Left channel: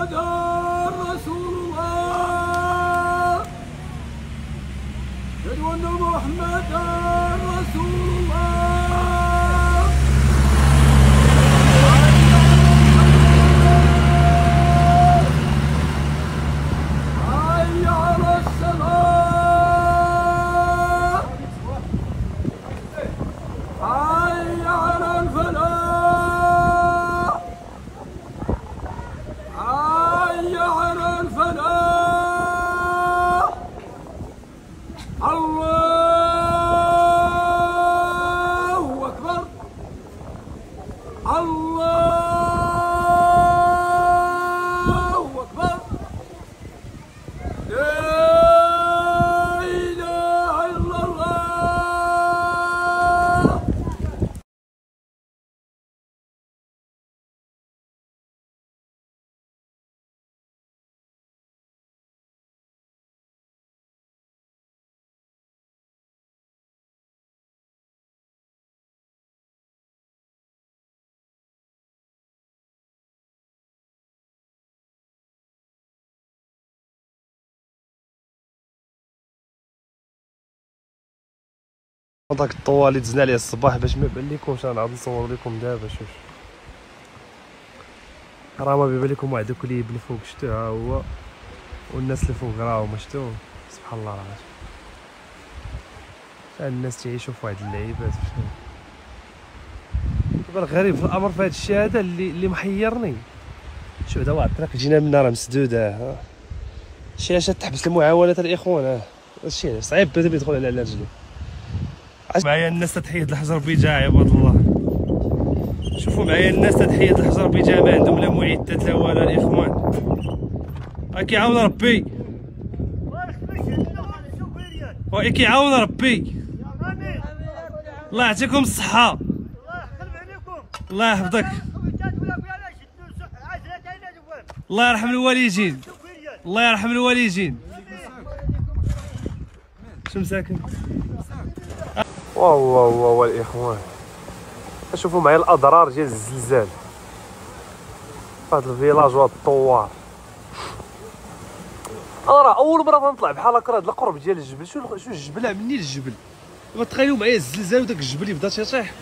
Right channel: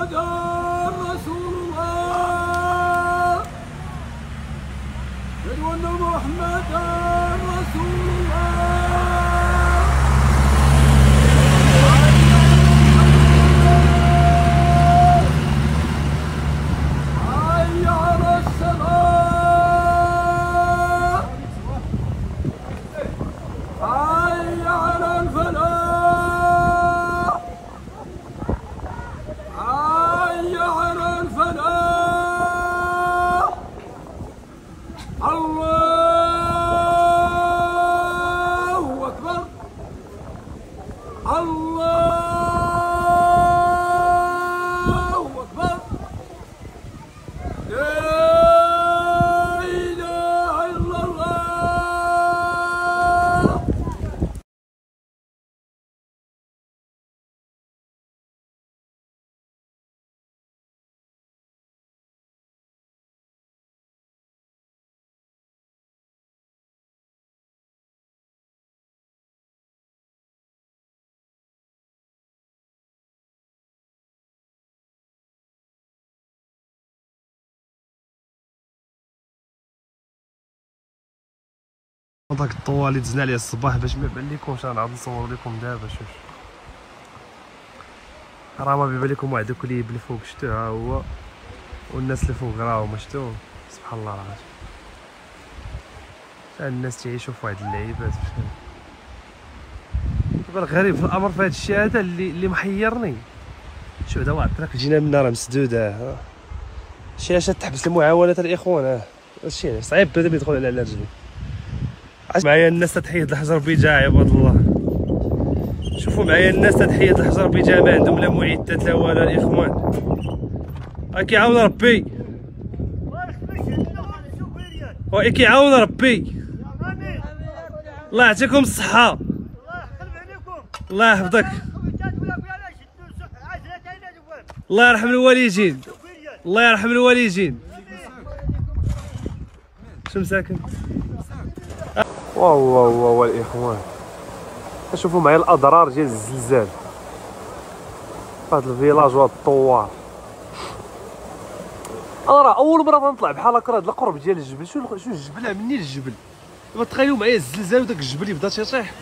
محمدا رسول الله. أشهد أن محمدا رسول الله. حي على الصلاة. حي على الفلاح. حي على الفلاح. الله أكبر. الله أكبر. لا إله إلا الله. داك الطوال اللي دزنا عليه الصباح باش ما يبان لكمش، انا غادي نصور لكم دابا. شوف راه ما بيبان لكم واحد الكليب اللي فوق، شتو ها هو، والناس اللي فوق راهم شتو. سبحان الله العظيم، الناس تعيشوا في واحد اللعيبات. دابا الغريب في الامر في هذا الشيء هذا اللي محيرني، شوف هذا واحد الطريق جينا منها راه مسدوده، الشاشه تحبس المعاونات الاخوان. هادشي صعيب بدا يدخل على رجلي. معايا الناس تتحيد الحجر بجاه عباد الله. شوفوا معايا الناس تتحيد الحجر بجاه، ما عندهم لا معدات لا والو الاخوان. كيعاون ربي، كيعاون ربي. الله يعطيكم الصحة، الله يحفظك، الله يرحم الوالدين، الله يرحم الوالدين. شنو ساكن؟ واو الاخوان، شوفوا معايا الاضرار ديال الزلزال في هذا الفيلاج وهذا الطوار. راه اول مره غنطلع بحال هكا، هذا القرب ديال الجبل. شو الجبل منين الجبل؟ دابا تخيلوا معايا الزلزال وداك الجبل يبدا تيطيح.